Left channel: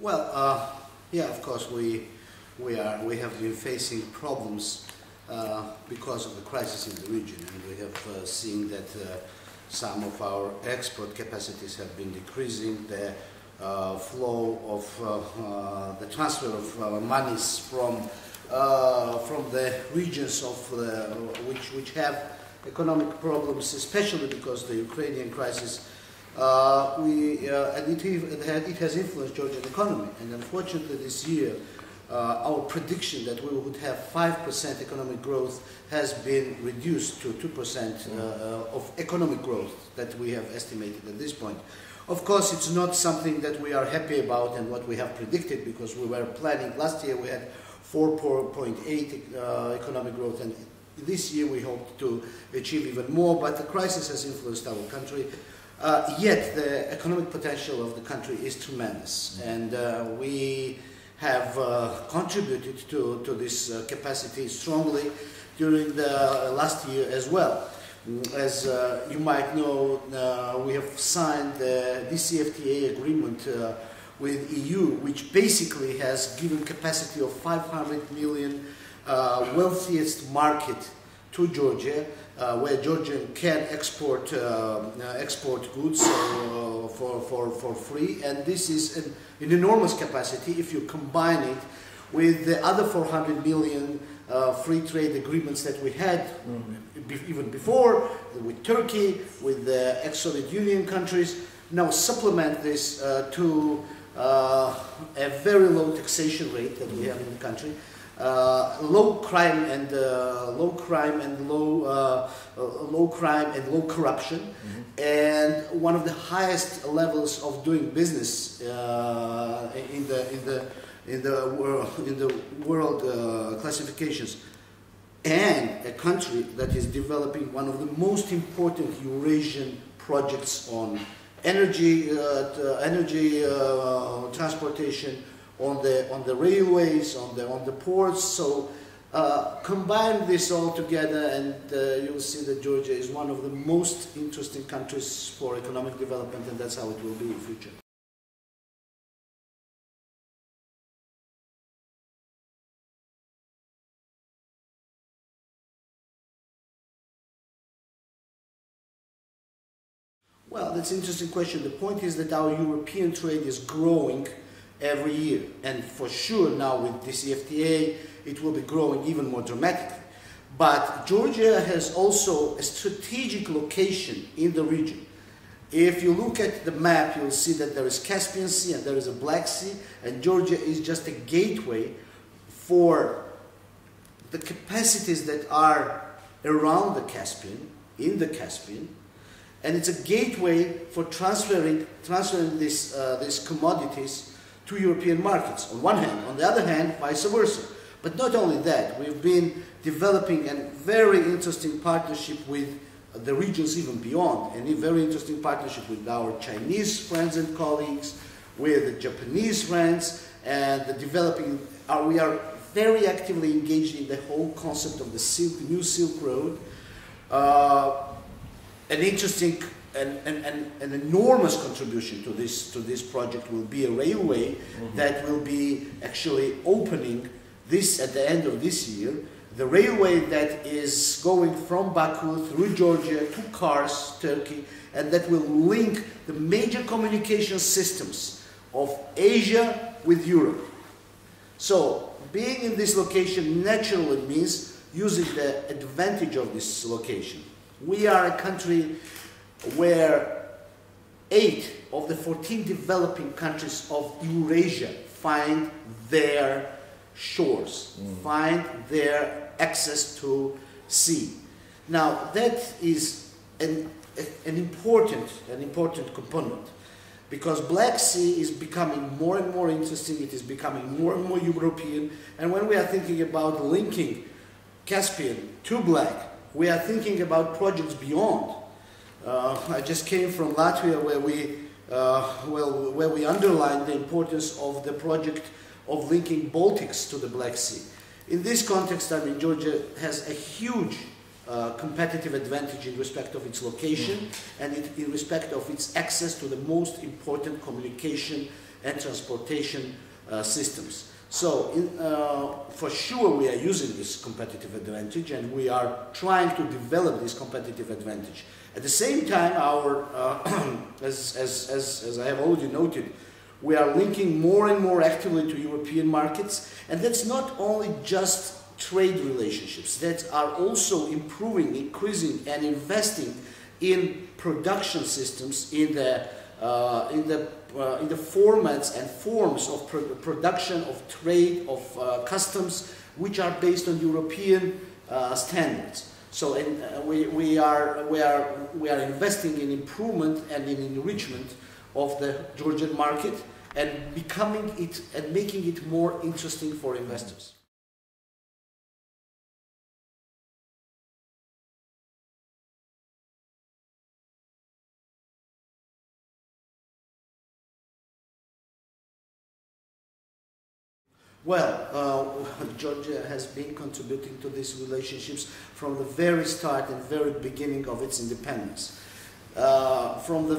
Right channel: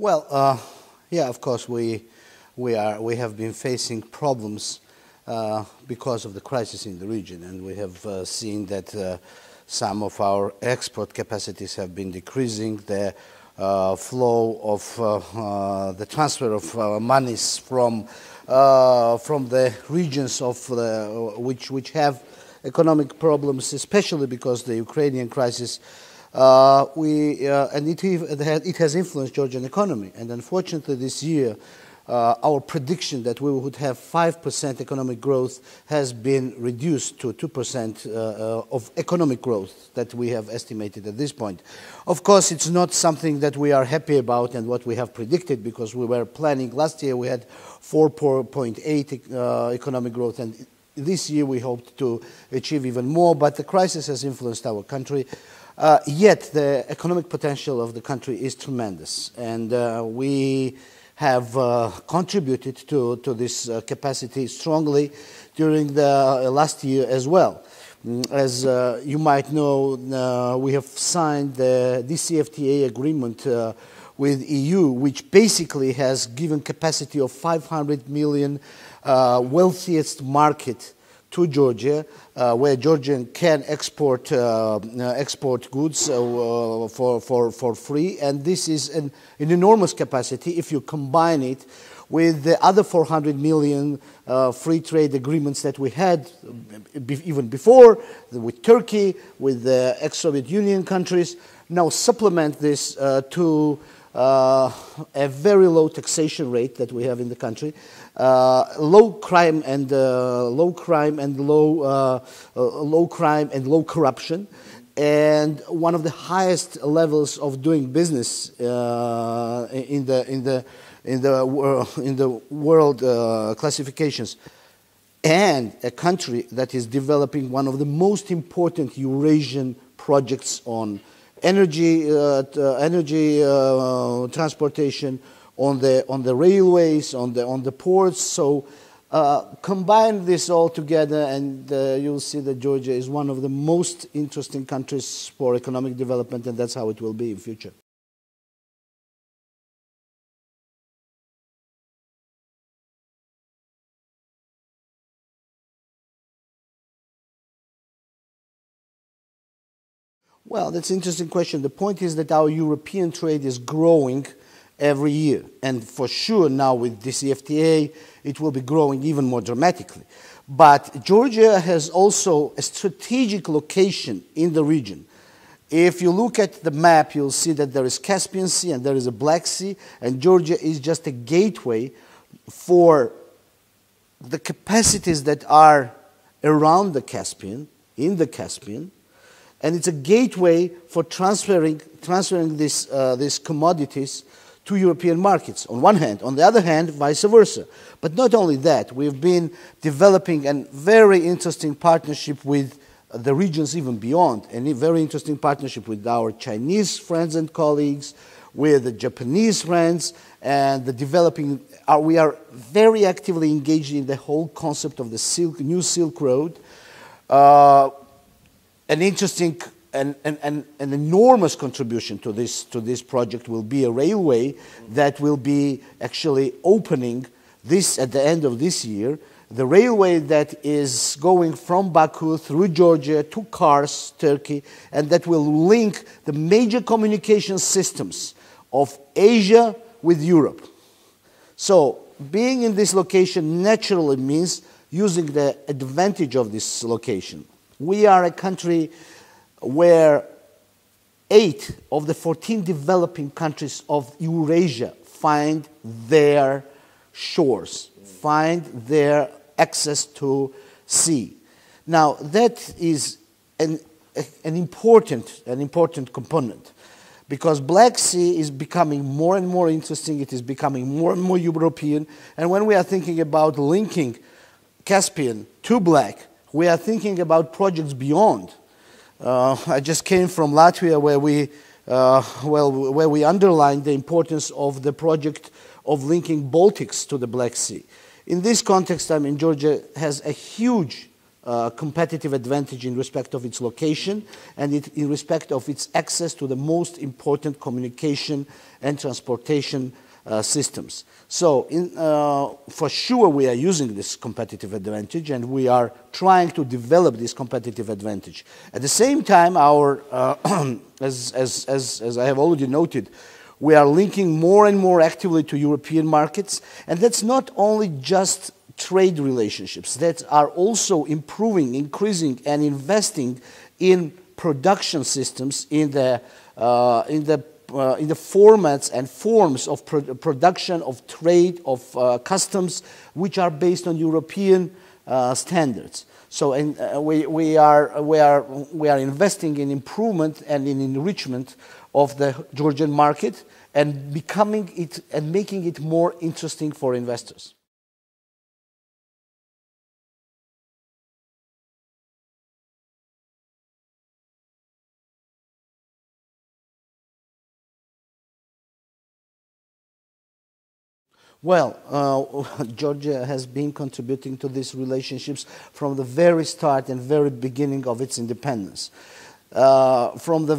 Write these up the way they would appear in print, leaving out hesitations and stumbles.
Well, yeah, of course, we have been facing problems because of the crisis in the region, and we have seen that some of our export capacities have been decreasing. The flow of the transfer of monies from the regions of which have economic problems, especially because the Ukrainian crisis, and it has influenced Georgian economy. And unfortunately, this year, our prediction that we would have 5% economic growth has been reduced to 2% of economic growth that we have estimated at this point. Of course, it's not something that we are happy about and what we have predicted, because we were planning last year we had 4.8 economic growth, and this year we hope to achieve even more, but the crisis has influenced our country. Yet the economic potential of the country is tremendous, and we have contributed to this capacity strongly during the last year as well. As you might know, we have signed the DCFTA agreement with EU, which basically has given capacity of 500 million wealthiest market to Georgia, where Georgia can export goods for free, and this is an enormous capacity if you combine it with the other 400 million free trade agreements that we had even before with Turkey, with the ex-Soviet Union countries. Now supplement this to a very low taxation rate that we have in the country. Low crime and low corruption, and one of the highest levels of doing business in the world classifications, and a country that is developing one of the most important Eurasian projects on energy transportation, on the railways, on the ports. So combine this all together, and you'll see that Georgia is one of the most interesting countries for economic development, and that's how it will be in future. Well, that's an interesting question. The point is that our European trade is growing every year, and for sure now with the CFTA it will be growing even more dramatically. But Georgia has also a strategic location in the region. If you look at the map, you'll see that there is Caspian Sea and there is a Black Sea, and Georgia is just a gateway for the capacities that are around the Caspian, in the Caspian, and it's a gateway for transferring these commodities to European markets, on one hand. On the other hand, vice versa. But not only that, we've been developing a very interesting partnership with the regions even beyond, and a very interesting partnership with our Chinese friends and colleagues, with the Japanese friends, and we are very actively engaged in the whole concept of the new Silk Road. An interesting and an enormous contribution to this project will be a railway that will be actually opening this at the end of this year. The railway that is going from Baku through Georgia to Kars, Turkey, and that will link the major communication systems of Asia with Europe. So being in this location naturally means using the advantage of this location. We are a country where 8 of the 14 developing countries of Eurasia find their shores, find their access to sea. Now that is an important component, because Black Sea is becoming more and more interesting, it is becoming more and more European, and when we are thinking about linking Caspian to Black, we are thinking about projects beyond. I just came from Latvia, where we underlined the importance of the project of linking Baltics to the Black Sea. In this context, Georgia has a huge competitive advantage in respect of its location and in respect of its access to the most important communication and transportation systems. So for sure we are using this competitive advantage, and we are trying to develop this competitive advantage. At the same time, as I have already noted, we are linking more and more actively to European markets, and that's not only just trade relationships, that are also improving, increasing, and investing in production systems in the formats and forms of production, of trade, of customs, which are based on European standards. So, we are investing in improvement and in enrichment of the Georgian market and making it more interesting for investors. Well, Georgia has been contributing to these relationships from the very start and very beginning of its independence. From the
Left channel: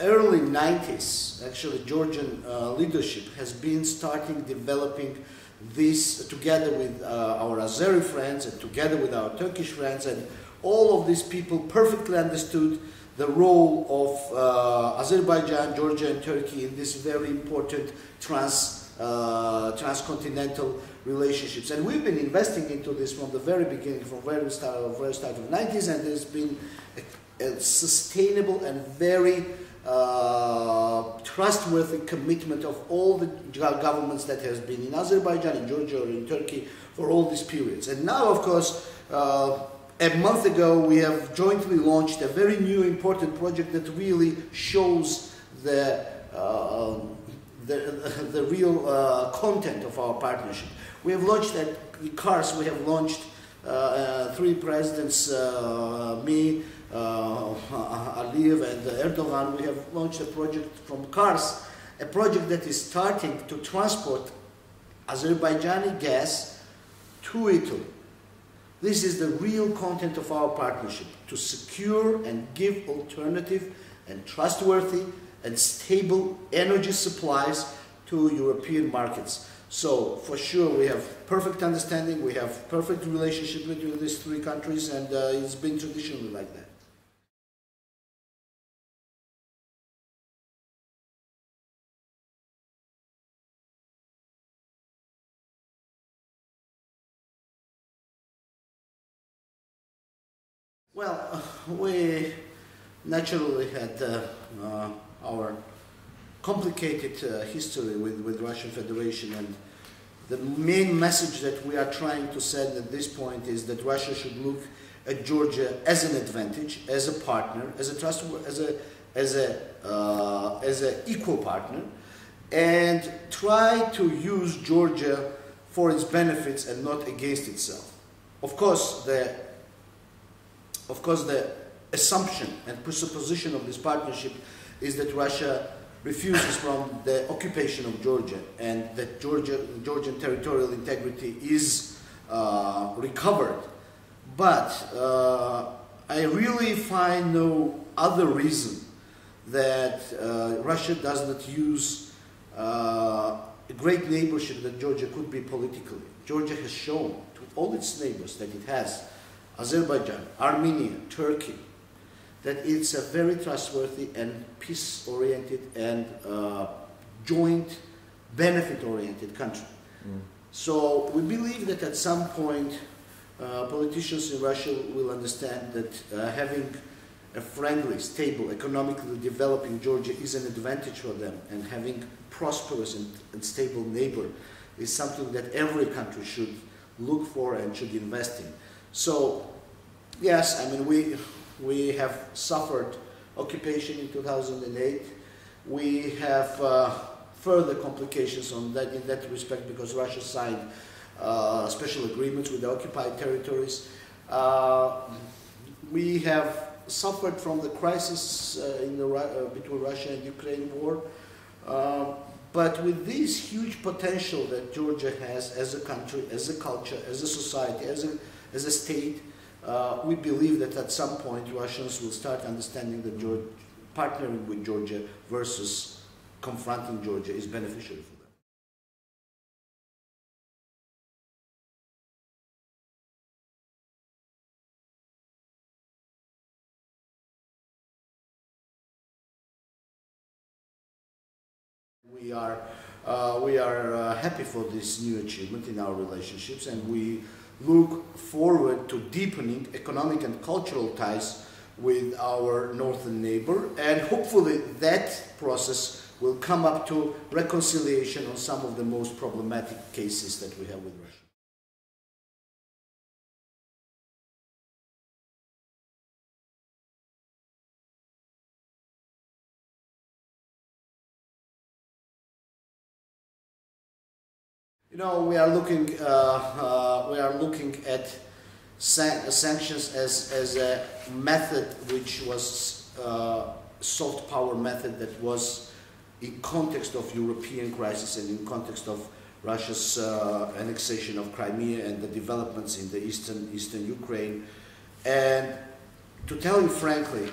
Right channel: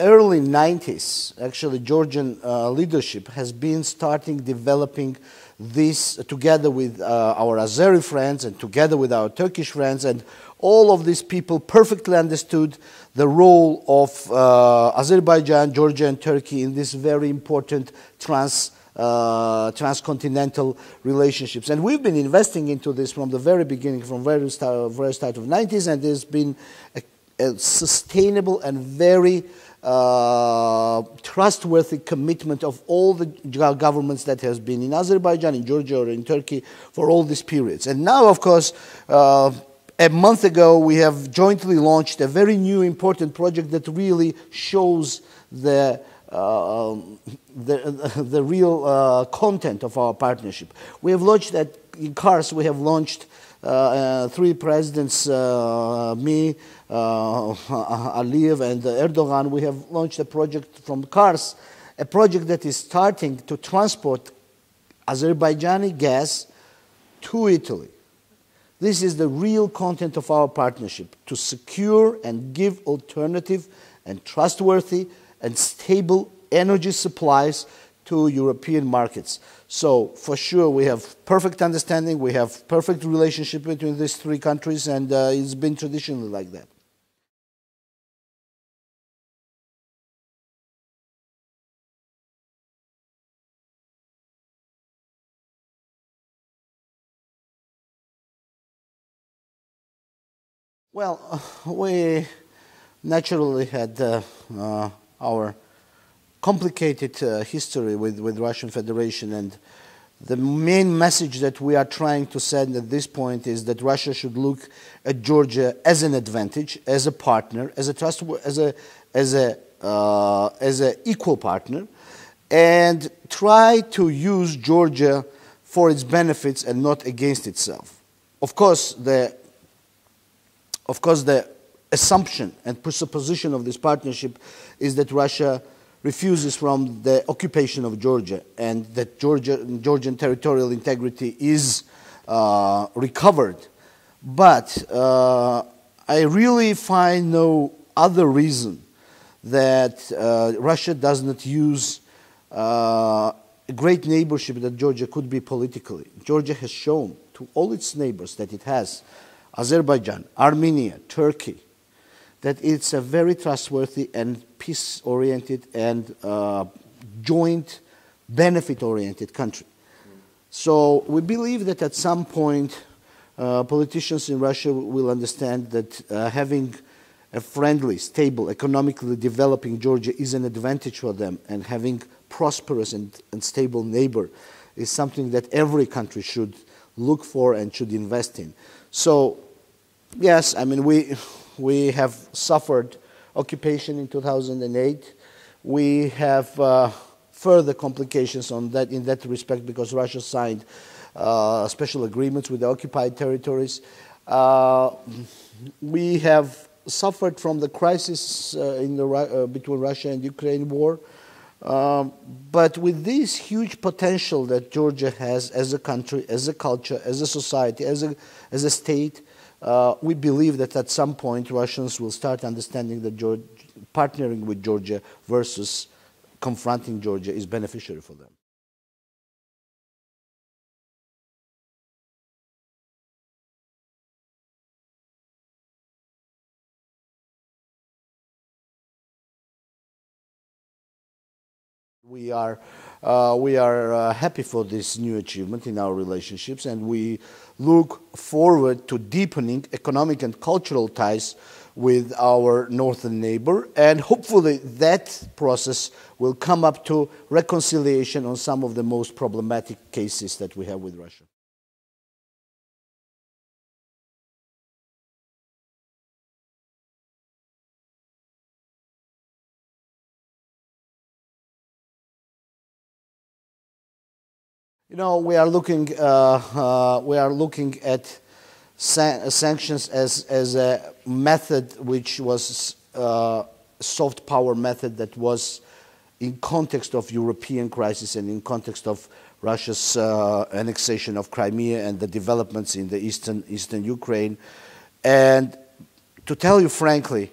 early 90s, actually, Georgian leadership has been developing this together with our Azeri friends and together with our Turkish friends, and all of these people perfectly understood the role of Azerbaijan, Georgia, and Turkey in this very important transcontinental relationships. And we've been investing into this from the very beginning, from very start of the 90s, and there's been a sustainable and very trustworthy commitment of all the governments that has been in Azerbaijan, in Georgia, or in Turkey for all these periods. And now, of course, a month ago, we have jointly launched a very new important project that really shows the real content of our partnership. We have launched in Kars, we have launched three presidents, me, Aliyev, and Erdogan. We have launched a project from Kars, a project that is starting to transport Azerbaijani gas to Italy. This is the real content of our partnership, to secure and give alternative and trustworthy and stable energy supplies to European markets. So, for sure, we have perfect understanding, we have perfect relationship between these three countries, and it's been traditionally like that. Well, we naturally had our complicated history with Russian Federation, and the main message that we are trying to send at this point is that Russia should look at Georgia as an advantage, as a partner, as a equal partner, and try to use Georgia for its benefits and not against itself. Of course, the assumption and presupposition of this partnership is that Russia refuses from the occupation of Georgia, and that Georgian territorial integrity is recovered. But I really find no other reason that Russia does not use a great neighborship that Georgia could be politically. Georgia has shown to all its neighbors that it has, Azerbaijan, Armenia, Turkey, that it's a very trustworthy and peace-oriented and joint benefit-oriented country. So we believe that at some point politicians in Russia will understand that having a friendly, stable, economically developing Georgia is an advantage for them, and having prosperous and stable neighbor is something that every country should look for and should invest in. So, yes, I mean, we have suffered occupation in 2008. We have further complications in that respect because Russia signed special agreements with the occupied territories. We have suffered from the crisis between Russia and Ukraine war. But with this huge potential that Georgia has as a country, as a culture, as a society, as a state, we believe that at some point Russians will start understanding that partnering with Georgia versus confronting Georgia is beneficial for them. We are happy for this new achievement in our relationships, and we look forward to deepening economic and cultural ties with our northern neighbor, and hopefully that process will come up to reconciliation on some of the most problematic cases that we have with Russia. You know, we are looking at sanctions as a method which was soft power method that was in context of European crisis and in context of Russia's annexation of Crimea and the developments in the eastern Ukraine. And to tell you frankly,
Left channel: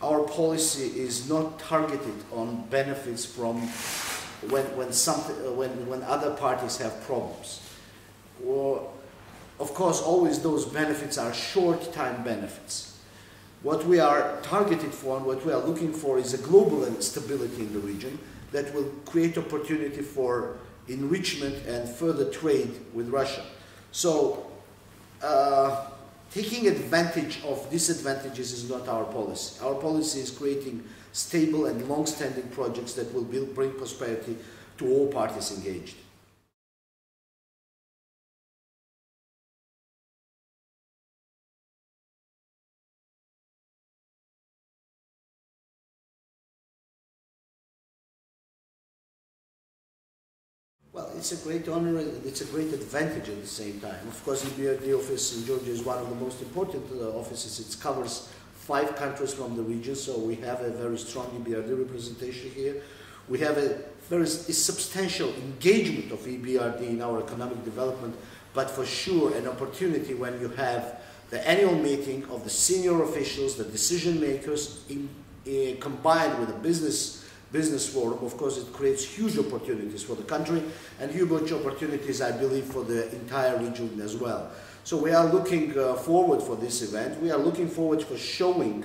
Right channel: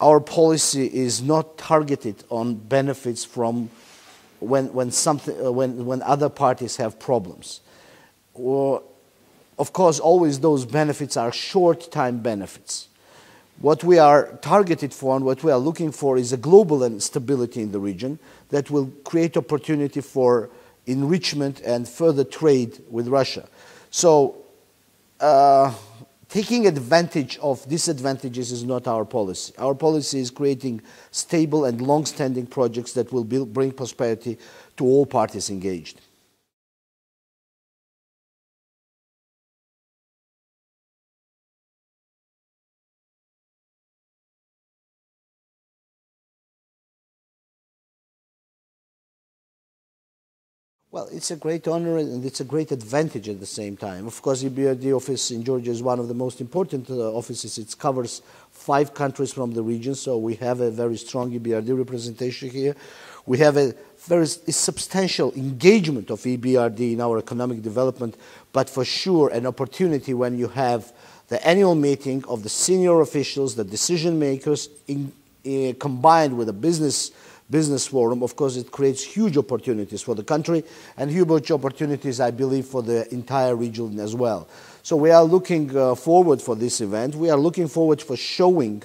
our policy is not targeted on benefits from when other parties have problems. Of course, always those benefits are short-time benefits. What we are targeted for and what we are looking for is a global stability in the region that will create opportunity for enrichment and further trade with Russia. So, taking advantage of disadvantages is not our policy. Our policy is creating stable and long-standing projects that will bring prosperity to all parties engaged. Well, it's a great honor and it's a great advantage at the same time. Of course, the EBRD office in Georgia is one of the most important offices. It covers 5 countries from the region, so we have a very strong EBRD representation here. We have a very substantial engagement of EBRD in our economic development, but for sure an opportunity when you have the annual meeting of the senior officials, the decision makers, combined with a business forum. Of course, it creates huge opportunities for the country and huge opportunities, I believe, for the entire region as well. So we are looking forward for this event. We are looking forward for showing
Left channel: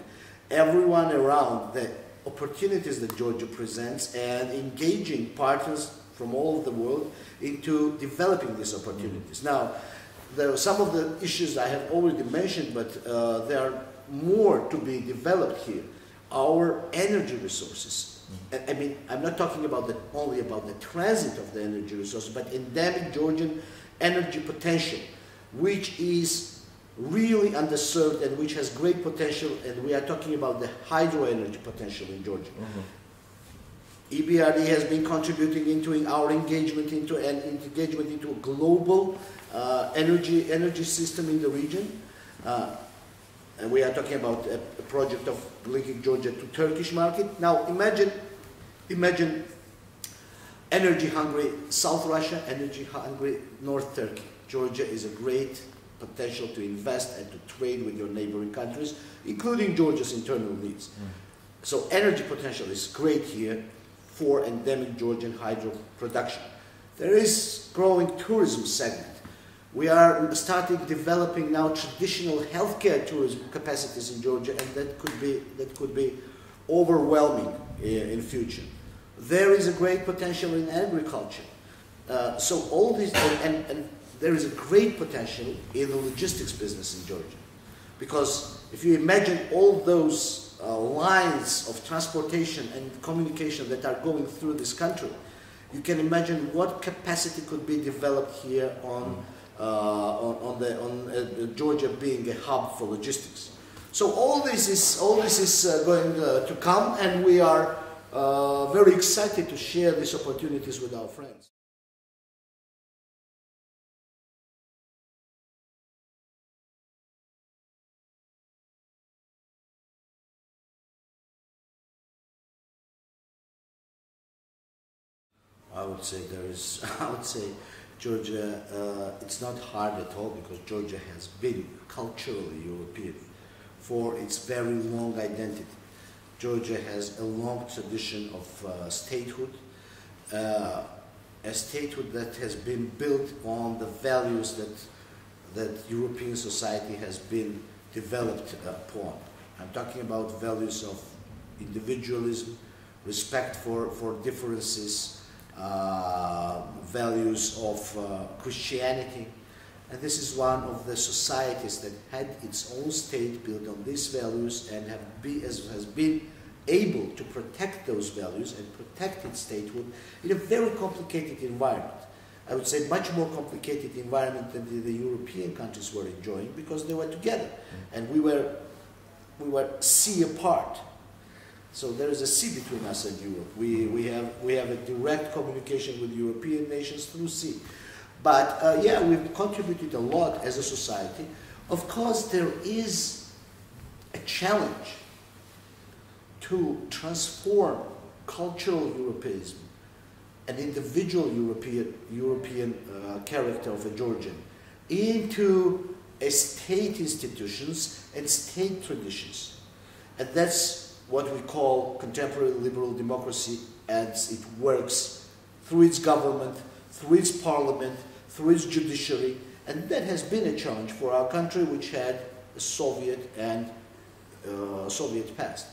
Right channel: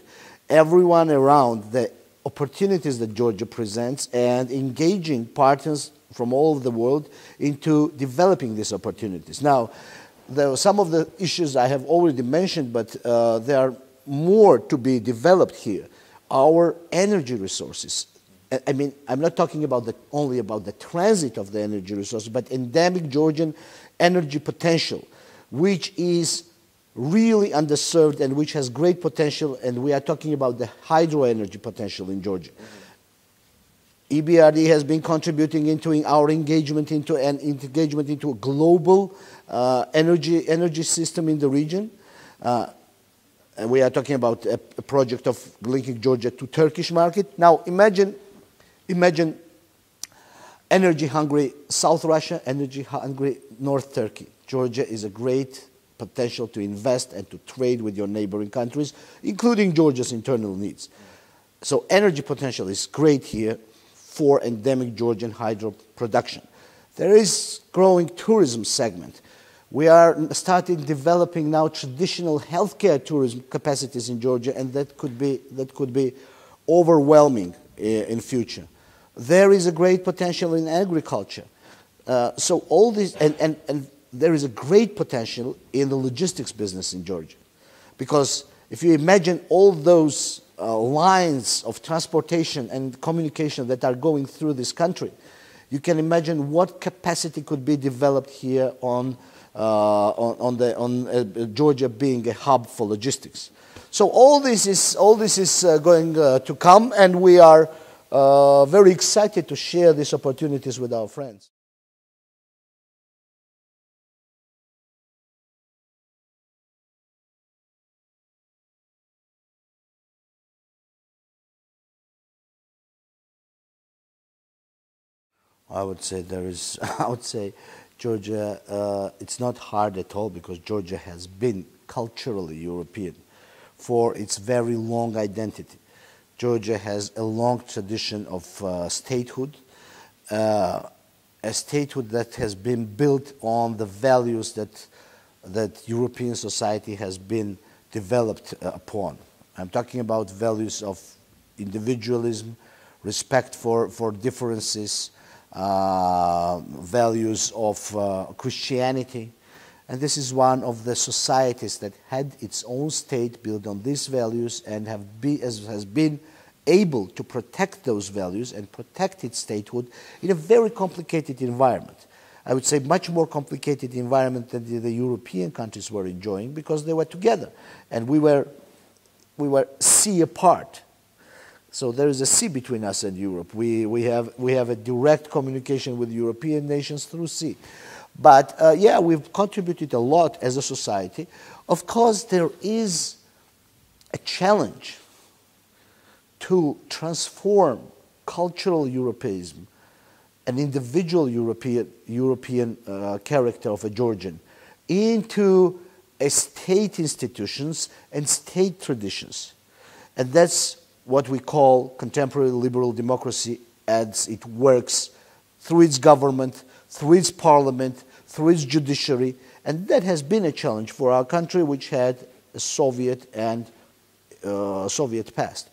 everyone around the opportunities that Georgia presents and engaging partners from all over the world into developing these opportunities. Now, there are some of the issues I have already mentioned, but there are more to be developed here. Our energy resources. I mean, I'm not talking about only about the transit of the energy resources, but endemic Georgian energy potential, which is really underserved and which has great potential, and we are talking about the hydro energy potential in Georgia. EBRD has been contributing into our engagement into a global energy system in the region. And we are talking about a project of linking Georgia to Turkish market. Now imagine energy-hungry South Russia, energy-hungry North Turkey. Georgia is a great potential to invest and to trade with your neighboring countries, including Georgia's internal needs. So energy potential is great here for endemic Georgian hydro production. There is growing tourism segment. We are developing now traditional healthcare tourism capacities in Georgia, and that could be overwhelming in future. There is a great potential in agriculture. So all this, and there is a great potential in the logistics business in Georgia. Because if you imagine all those lines of transportation and communication that are going through this country, you can imagine what capacity could be developed here on Georgia being a hub for logistics. So all this is going to come, and we are very excited to share these opportunities with our friends. I would say Georgia, it's not hard at all because Georgia has been culturally European for its very long identity. Georgia has a long tradition of statehood, a statehood that has been built on the values that European society has been developed upon. I'm talking about values of individualism, respect for differences, values of Christianity. And this is one of the societies that had its own state built on these values and has been able to protect those values and protect its statehood in a very complicated environment. I would say much more complicated environment than the European countries were enjoying, because they were together and we were sea apart. So there is a sea between us and Europe. We have a direct communication with European nations through sea. But yeah, we've contributed a lot as a society. Of course, there is a challenge to transform cultural Europeanism, an individual European character of a Georgian, into a state institutions and state traditions. And that's what we call contemporary liberal democracy as it works through its government, through its parliament, through its judiciary. And that has been a challenge for our country, which had a Soviet and Soviet past.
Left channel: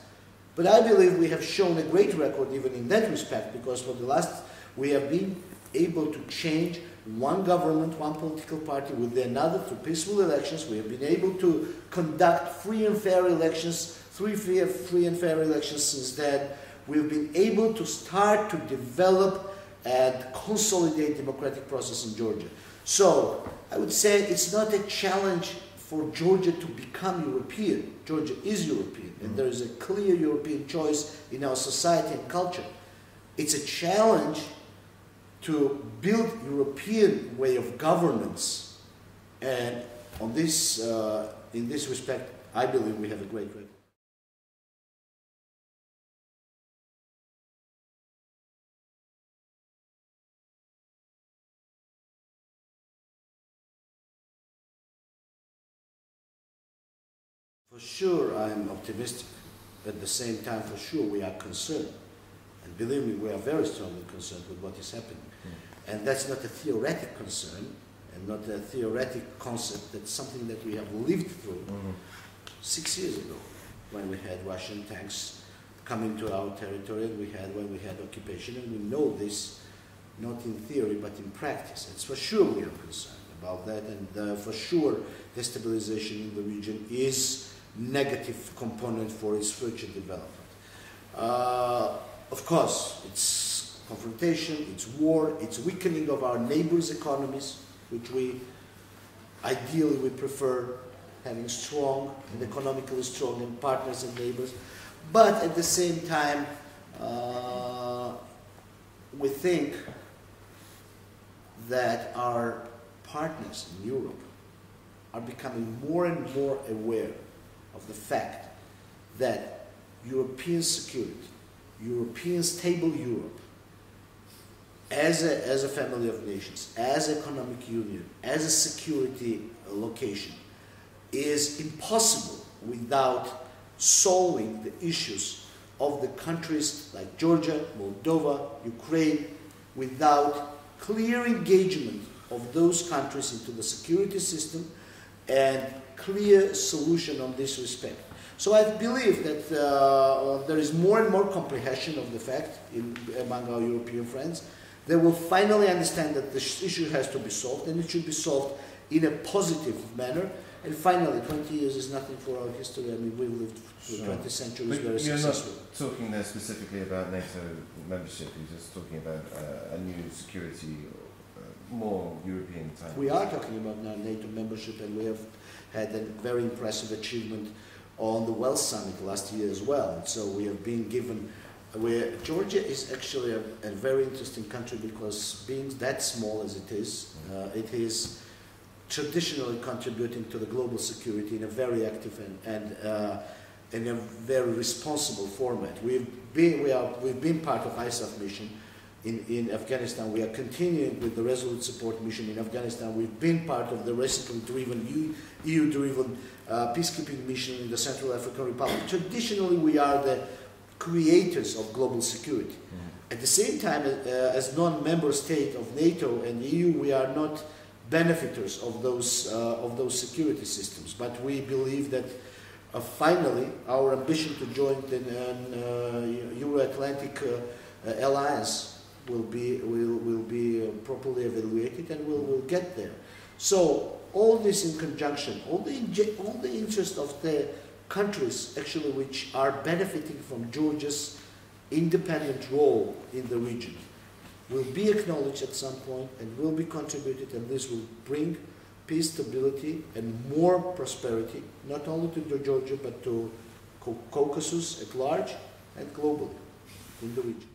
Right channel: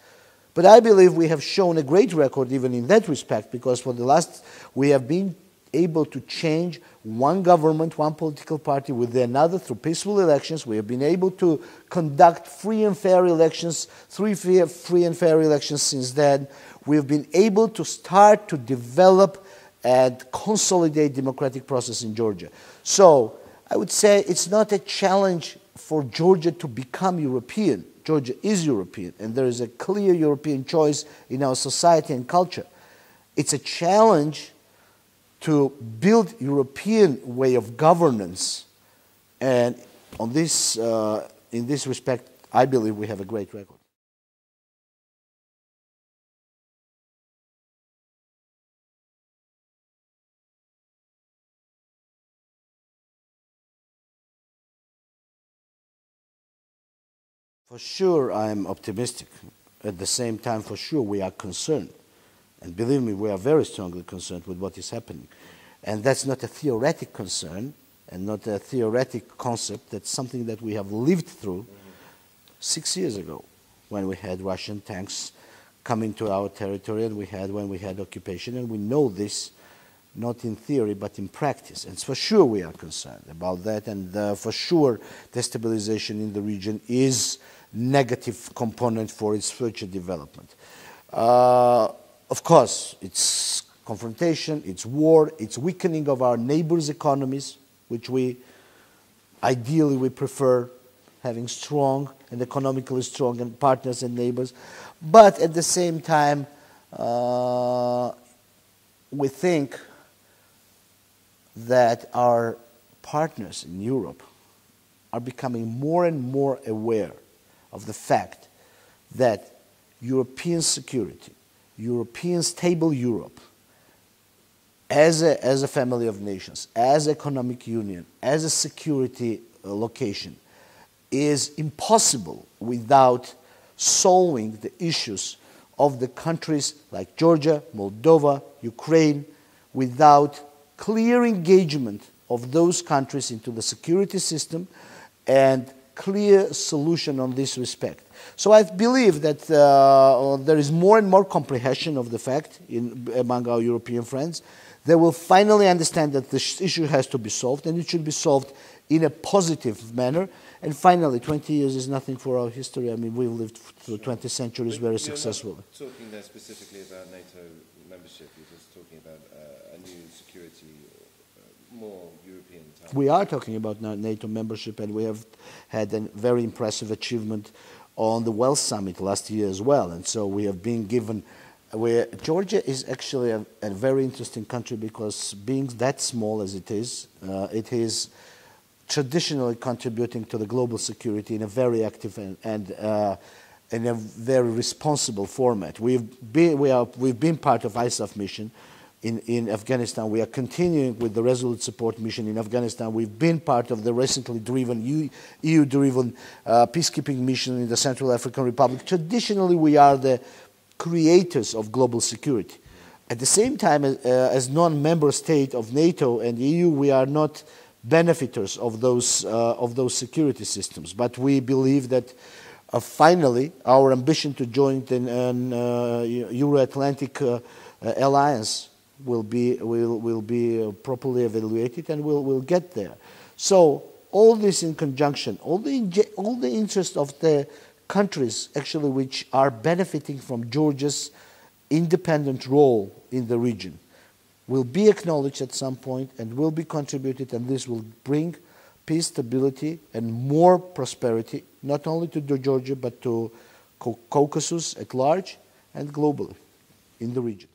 But I believe we have shown a great record even in that respect, because for the last, we have been able to change one government, one political party with another through peaceful elections. We have been able to conduct free and fair elections, free and fair elections since then. We have been able to start to develop and consolidate democratic process in Georgia. So I would say it's not a challenge for Georgia to become European. Georgia is European, and there is a clear European choice in our society and culture. It's a challenge to build European way of governance, and on this, in this respect, I believe we have a great record. For sure, I'm optimistic. At the same time, for sure, we are concerned. And believe me, we are very strongly concerned with what is happening. And that's not a theoretic concern and not a theoretic concept. That's something that we have lived through 6 years ago, when we had Russian tanks coming to our territory, and when we had occupation. And we know this, not in theory, but in practice. And for sure we are concerned about that. And for sure, destabilization in the region is negative component for its future development. Of course, it's confrontation, it's war, it's weakening of our neighbors' economies, which ideally we prefer having strong and economically strong and partners and neighbors. But at the same time, we think that our partners in Europe are becoming more and more aware of the fact that European security, European stable Europe, as a family of nations, as economic union, as a security location, is impossible without solving the issues of the countries like Georgia, Moldova, Ukraine, without clear engagement of those countries into the security system and clear solution on this respect. So I believe that there is more and more comprehension of the fact among our European friends. They will finally understand that this issue has to be solved, and it should be solved in a positive manner. And finally, 20 years is nothing for our history. I mean, we've lived through 20 centuries very successfully. You're not talking there specifically about NATO membership. You're just talking about a new security, more European type. We are talking about NATO membership, and we have had a very impressive achievement on the Wells Summit last year as well. And so we have been given, Georgia is actually a very interesting country, because being that small as it is traditionally contributing to the global security in a very active and in a very responsible format. We've been part of ISAF mission in Afghanistan. We are continuing with the Resolute Support mission in Afghanistan. We've been part of the recently driven, EU-driven peacekeeping mission in the Central African Republic. Traditionally, we are the creators of global security. At the same time, as non-member state of NATO and EU, we are not benefitors of those security systems. But we believe that finally our ambition to join the Euro-Atlantic alliance will be properly evaluated, and we'll get there. So all this in conjunction, all the interest of the countries actually which are benefiting from Georgia's independent role in the region will be acknowledged at some point and will be contributed, and this will bring peace, stability, and more prosperity, not only to Georgia but to Caucasus at large and globally in the region.